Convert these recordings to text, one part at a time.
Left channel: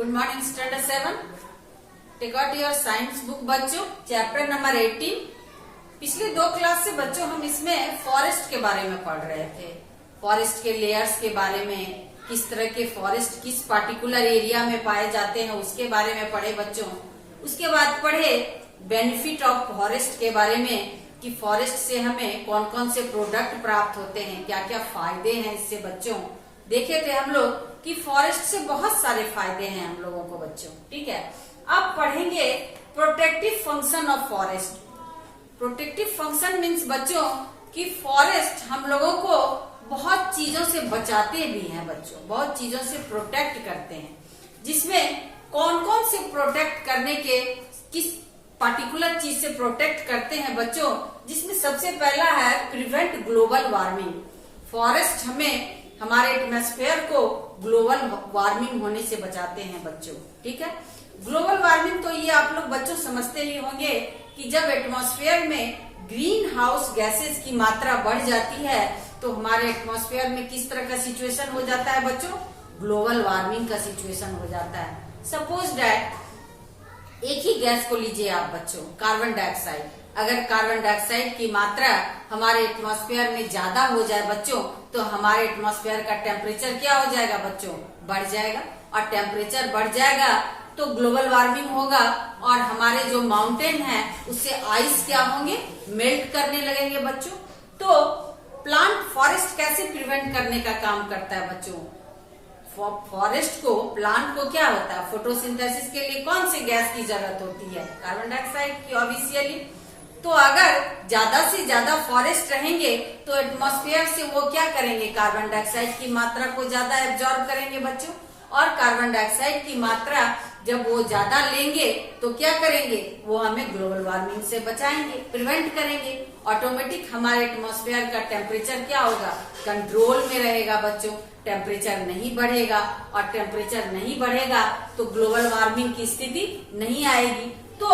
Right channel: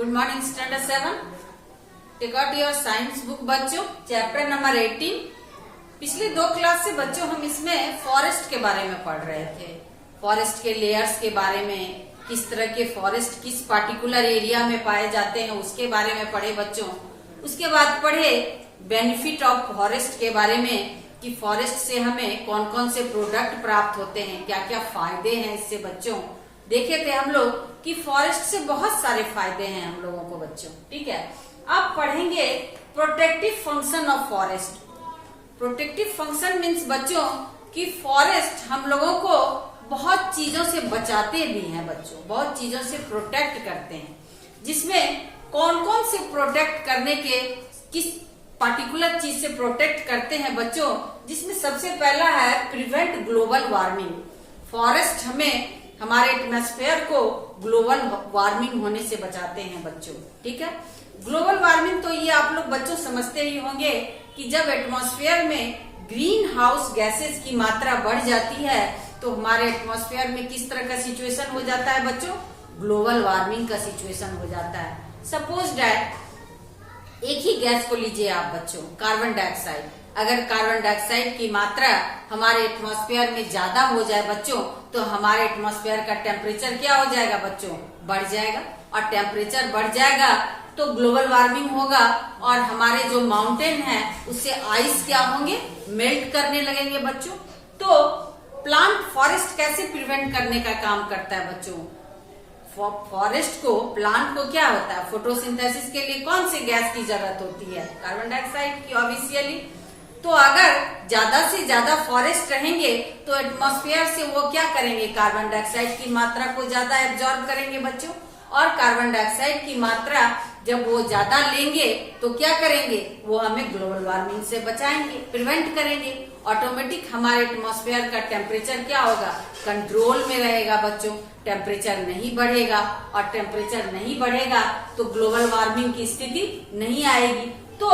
Good morning standard 7। Take out your science book बच्चों, chapter number 18। पिछले 2 class से बच्चों हम इसमें फॉरेस्ट के बारे में पढ़ रहे थे। फॉरेस्ट के लेयर्स के बारे में, किस तरह के फॉरेस्ट किस पार्टिकुलर एरिया में पाए जाते हैं उसके बारे में पढ़े बच्चों। उसके बाद पढ़े बेनिफिट ऑफ फॉरेस्ट के बारे में कि फॉरेस्ट से हमें कौन कौन से प्रोडक्ट प्राप्त होते हैं, क्या क्या फायदे हैं इससे बच्चों। देखे थे हम लोग कि फॉरेस्ट से बहुत सारे फायदे हैं हम लोगों को बच्चों। ठीक है, अब पढ़ेंगे protective function of forest. Protective function means बच्चों कि फॉरेस्ट हम लोगों को बहुत चीजों से बचाते भी हैं बच्चों, बहुत चीजों से प्रोटेक्ट करते हैं। जिसमें कौन कौन से प्रोटेक्ट करने के, किस पार्टिकुलर चीज से प्रोटेक्ट करते हैं बच्चों, जिसमें सबसे पहला है प्रिवेंट ग्लोबल वार्मिंग। फॉरेस्ट हमें हमारे एटमॉस्फेयर को ग्लोबल वार्मिंग होने से बचाते हैं बच्चों। ठीक है, ग्लोबल वार्मिंग तो ये आप लोग बच्चों समझते ही होंगे कि जब एटमॉस्फेयर में ग्रीन हाउस गैसेस की मात्रा बढ़ जाती है तो हमारे एटमॉस्फेयर में किस तरह का सिचुएशन हो जाता है बच्चों, ग्लोबल वार्मिंग का सिचुएशन हो जाता है। सपोज दैट एक ही गैस को लीजिए आप बच्चों, कार्बन डाइऑक्साइड। अगर कार्बन डाइऑक्साइड की मात्रा हमारे एटमॉस्फेयर में ज्यादा हो जाए बच्चों तो हमारे एटमॉस्फेयर का टेम्परेचर क्या हो जाएगा बच्चों, बढ़ जाएगा। और टेम्परेचर बढ़ जाएगा तो ग्लोबल वार्मिंग होगा और हमारे जो माउंटेन है उससे आइस क्या होंगे, मेल्ट करने लगेंगे बच्चों। तो प्लांट फॉरेस्ट कैसे प्रिवेंट करने का काम करता है बच्चों। फॉरेस्ट को, प्लांट को क्या होता है, फोटोसिंथेसिस के लिए कौन सी गैस की जरूरत होती है, कार्बन डाइऑक्साइड की ऑब्वियसली। तो अगर ज्यादा से ज्यादा फॉरेस्ट रहेंगे तो एटमॉस्फेयर से वो क्या करेंगे, कार्बन डाइऑक्साइड की मात्रा को ज्यादा एब्जॉर्ब करेंगे बच्चों। और कार्बन डाइऑक्साइड की मात्रा जब वो ज्यादा लेंगे तो क्या करेंगे, वो हमें ग्लोबल वार्मिंग से बचाएंगे, प्रिवेंट करेंगे। ऑटोमेटिक हमारे एटमॉस्फेयर का टेम्परेचर क्या होगा, कंट्रोल में रहेगा बच्चों। टेम्परेचर नहीं बढ़ेगा और टेम्परेचर नहीं बढ़ेगा तो ग्लोबल वार्मिंग की स्थिति नहीं आएगी। तो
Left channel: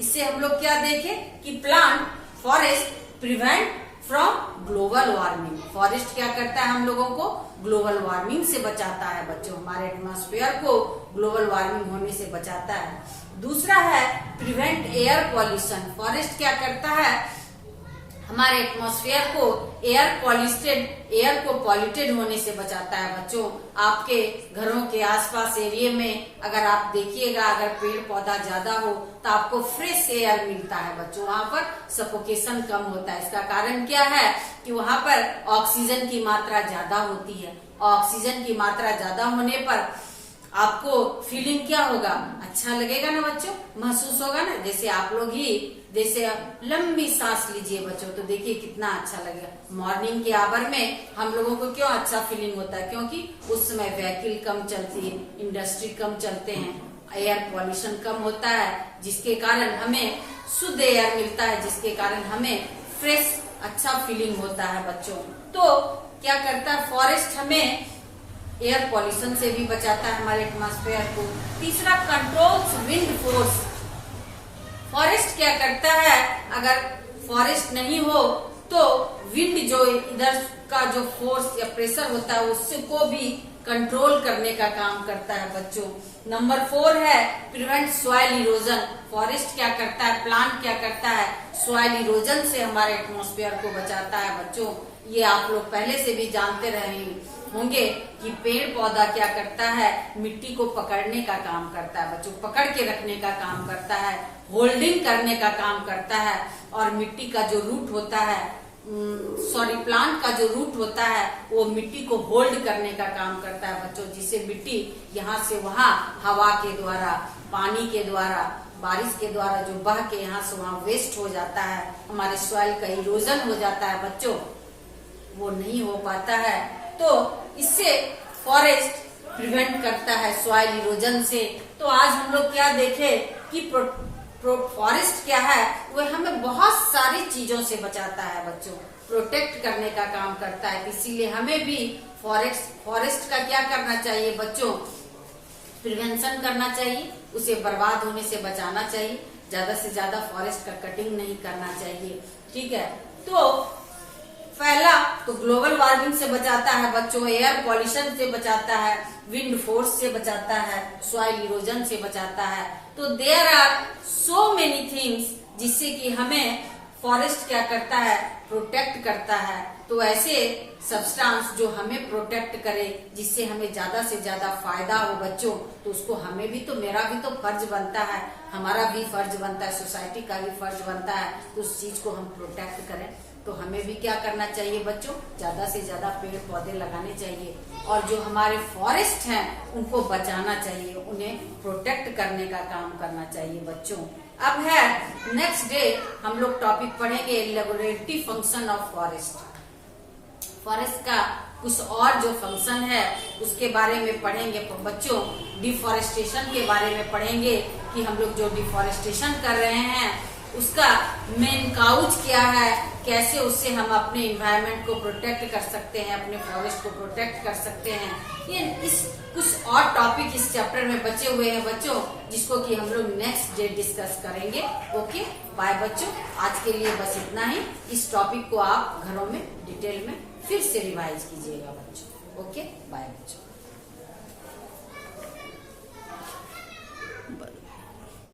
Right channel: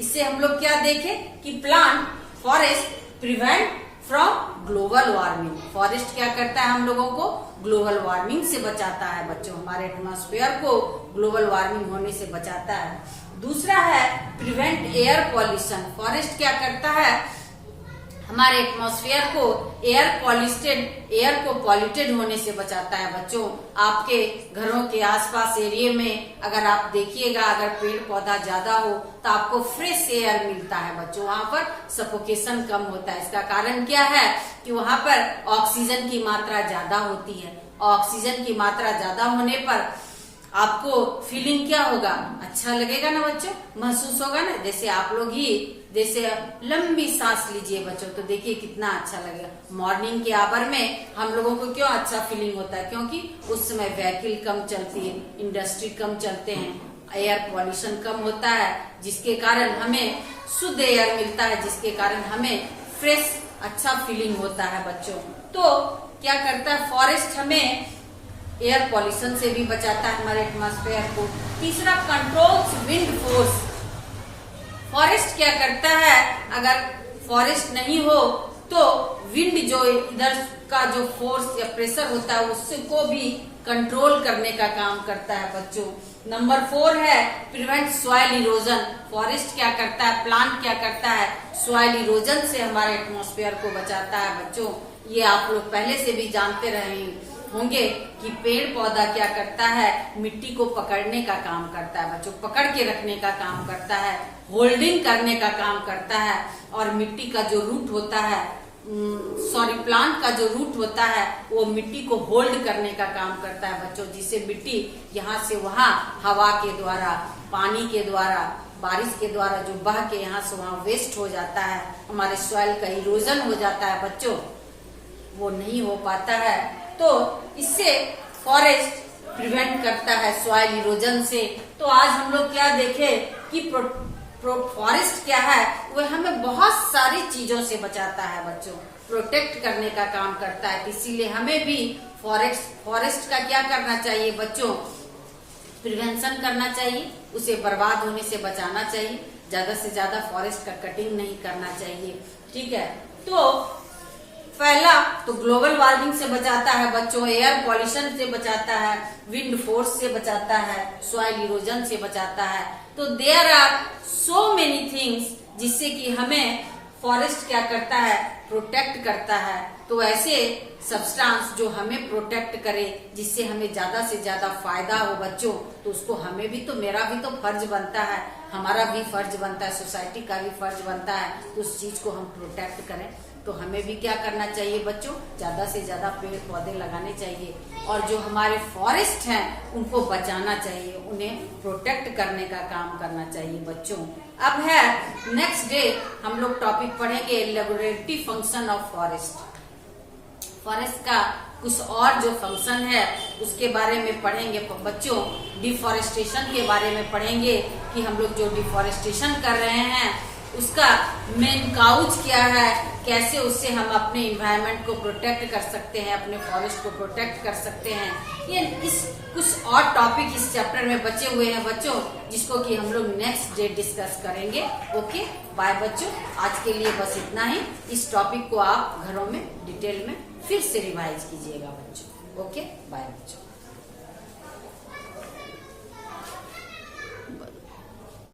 इससे हम लोग क्या देखें कि plant forest prevent from global warming. Forest क्या करता है, हम लोगों को ग्लोबल वार्मिंग से बचाता है बच्चों, हमारे एटमॉस्फेयर को ग्लोबल वार्मिंग होने से बचाता है। दूसरा है प्रिवेंट एयर पॉल्यूशन। फॉरेस्ट क्या करता है, हमारे एटमॉस्फेयर को एयर को पॉल्यूटेड होने से बचाता है बच्चों। आपके घरों के आसपास एरिया में अगर आप देखिएगा, अगर पेड़ पौधा ज्यादा हो तो आपको फ्रेश एयर मिलता है बच्चों, वहाँ पर सफोकेशन कम होता है। इसका कारण क्या है कि वहाँ पर ऑक्सीजन की मात्रा ज्यादा होती है। ऑक्सीजन की मात्रा ज्यादा होने पर आपको फीलिंग क्या होगा, अच्छा लगेगा ना बच्चों, महसूस होगा ना। जैसे आप लोग ही जैसे लंबी सांस लीजिए बच्चों तो देखिए कितना अच्छा लगेगा। मॉर्निंग के आवर में हम लोगों को क्यों अच्छा फीलिंग होता है, क्योंकि उस समय व्हीकल कम चलती है, इंडस्ट्री कम चलते हैं, एयर पॉल्यूशन कम होता है, जिसके कारण हमें शुद्ध एयर मिलता है, जिसके कारण हमें फ्रेश अच्छा फीलिंग होता है बच्चों। तो क्या करता है फॉरेस्ट, हमें एयर पॉल्यूशन से भी बचाता है हमारे एटमॉस्फेयर को। तीसरा कंट्रोल्स विंड फोर्स। फॉरेस्ट क्या करता है, अगर फॉरेस्ट नहीं हो तो विंड जो इधर का जो फोर्स या प्रेशर होता है उसको भी कंट्रोल करने का काम करता है बच्चों। नंबर 4 है प्रिवेंट सॉइल इरोजन। फॉरेस्ट क्या करता है, प्लांट क्या करता है, सॉइल इरोजन से हमारे एटमॉस्फेयर को बचाता है बच्चों। ये आप लोग पहले से भी जानते रहे होंगे कि पेड़ पौधा क्या करता है, मिट्टी को पकड़ने का काम करता है बच्चों, पकड़ के रखने का काम करता है, होल्डिंग करने का काम करता है। और मिट्टी का जो रूट होता है, प्लांट का जो रूट होता है वो मिट्टी को होल्ड करने का काम करता है बच्चों, जिससे मिट्टी यहाँ से वहाँ हवा के द्वारा, पानी के द्वारा, बारिश के द्वारा जो बह के यहाँ से वहाँ वेस्ट हो जाता है, हमारे सॉइल का इरोजन हो जाता है बच्चों, वो नहीं हो पाता है। तो इससे फॉरेस्ट प्रिवेंट करता है सॉइल इरोजन से। तो आज हम लोग क्या देखे कि फॉरेस्ट क्या है, वो हमें बहुत सारी चीजों से बचाता है बच्चों, प्रोटेक्ट करने का काम करता है। इसीलिए हमें भी फॉरेस्ट का क्या करना चाहिए बच्चों, प्रिवेंशन करना चाहिए, उसे बर्बाद होने से बचाना चाहिए। ज्यादा से ज्यादा फॉरेस्ट का कटिंग नहीं करना चाहिए। ठीक है, तो पहला तो ग्लोबल वार्मिंग से बचाता है बच्चों, एयर पॉल्यूशन से बचाता है, विंड फोर्स से बचाता है, सॉइल इरोजन से बचाता है। तो there are so many things जिससे कि हमें फॉरेस्ट क्या करता है, प्रोटेक्ट करता है। तो ऐसे सब्सटेंस जो हमें प्रोटेक्ट करे, जिससे हमें ज्यादा से ज्यादा फायदा हो बच्चों, तो उसको हमें भी तो, मेरा भी तो फर्ज बनता है, हमारा भी फर्ज बनता है, सोसाइटी का भी फर्ज बनता है, तो उस चीज को हम प्रोटेक्ट करें। तो हमें भी क्या करना चाहिए बच्चों, ज्यादा से ज्यादा पेड़ पौधे लगाने चाहिए, और जो हमारे फॉरेस्ट हैं उनको बचाना चाहिए, उन्हें प्रोटेक्ट करने का काम करना चाहिए बच्चों। अब है नेक्स्ट डे हम लोग टॉपिक पढ़ेंगे laboratory function of forest. Forest का कुछ और जो फंक्शन है उसके बारे में पढ़ेंगे बच्चों। डिफॉरेस्टेशन के बारे में पढ़ेंगे कि हम लोग जो डिफॉरेस्टेशन कर रहे हैं उसका मेन काउज क्या है, कैसे उससे हम अपने इन्वायरमेंट को प्रोटेक्ट कर सकते हैं, अपने फॉरेस्ट को प्रोटेक्ट कर सकते हैं। ये इस कुछ और टॉपिक इस चैप्टर में बचे हुए हैं बच्चों, जिसको कि हम लोग नेक्स्ट डे डिस्कस करेंगे। ओके बाय बच्चों, आज के लिए बस इतना ही। इस टॉपिक को आप घरों में डिटेल में फिर से रिवाइज कीजिएगा बच्चों। ओके बाय बच्चों।